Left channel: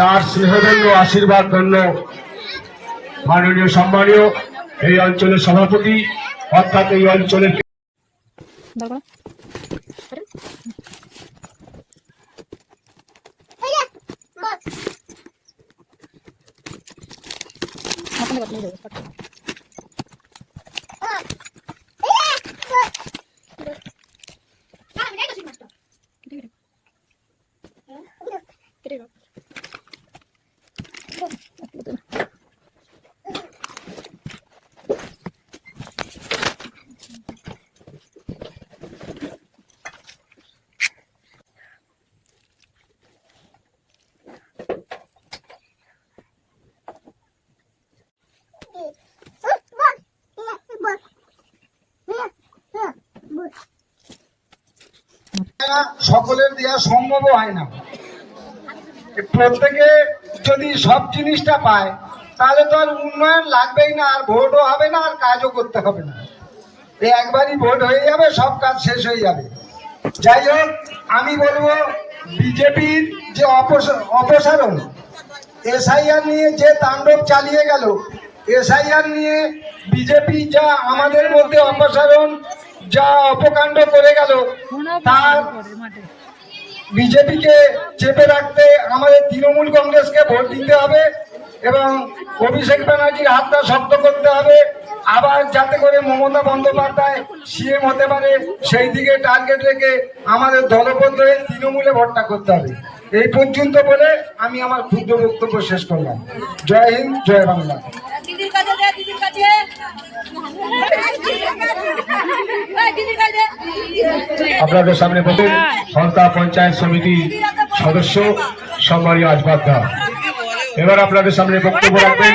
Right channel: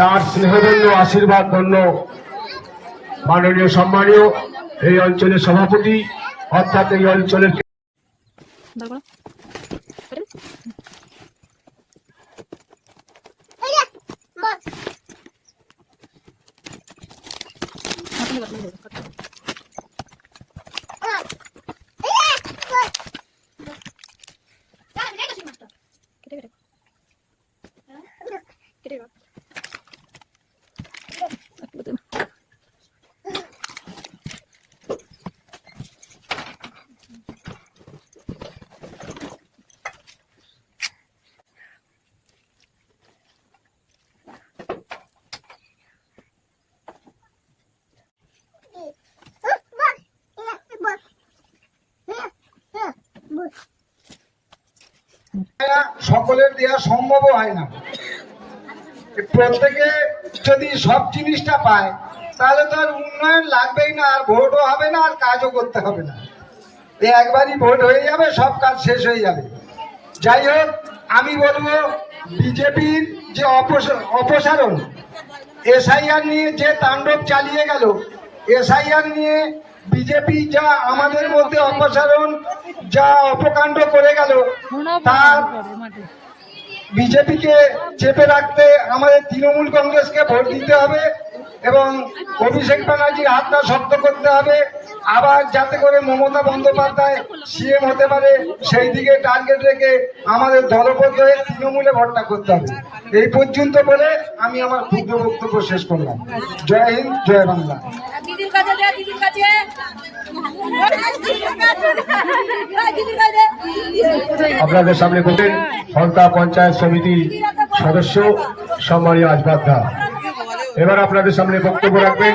তার স্নেহধন্য আশীর্বাদ ধন্য মাননীয় সম্মানীয় এই অঞ্চলের সভাপতি অর্থাৎ এই অঞ্চলের সকলের দেওয়া সম্ভব হয় না। প্রত্যেকে যদি সব জিনিসটা পায় তাহলে তো আর উন্নয়ন লাগবেই না, আর ভোটও হবে না, আর কাজও করতে হবে না। একবারই ভোট হয়ে যাবে, সব কাজ শেষ হয়ে যাবে। যাই হোক, আমি বলবো বিজেপির যে অপসারণ, এসআইআর নিয়ে যে তাণ্ডব চালিয়ে গেল, এসআইআর নিয়ে বিজেপি যা আমাদের মধ্যে অপসারণ যা অপকাণ্ড করে গেল, তার বিজেপিকে চেপে রাখতে আমাদের তৃণমূল কংগ্রেসকে ভোট দিতে হবে এবং অভিষেক ব্যানার্জির হাতটা শক্ত করতে হবে। আবার যাতে করে মমতা বন্দ্যোপাধ্যায় সিএম হতে পারে সেই দিকে টার্গেট রেখে আমাদের দলবদ্ধ হয়ে তৃণমূলে ভোটটা করতে হবে। এই পর্যন্ত বলে আমি আমার ক্ষুদ্র বক্তব্য শেষ করলাম। জয় হিন্দ, জয় বাংলা। আপনাদের সামনে বলতেন সন্তা পঞ্চায়েত সমিতির সদস্য সম্মানীয় আজবাদ্দা। এবার আপনাদের সামনে বক্তব্য রাখবেন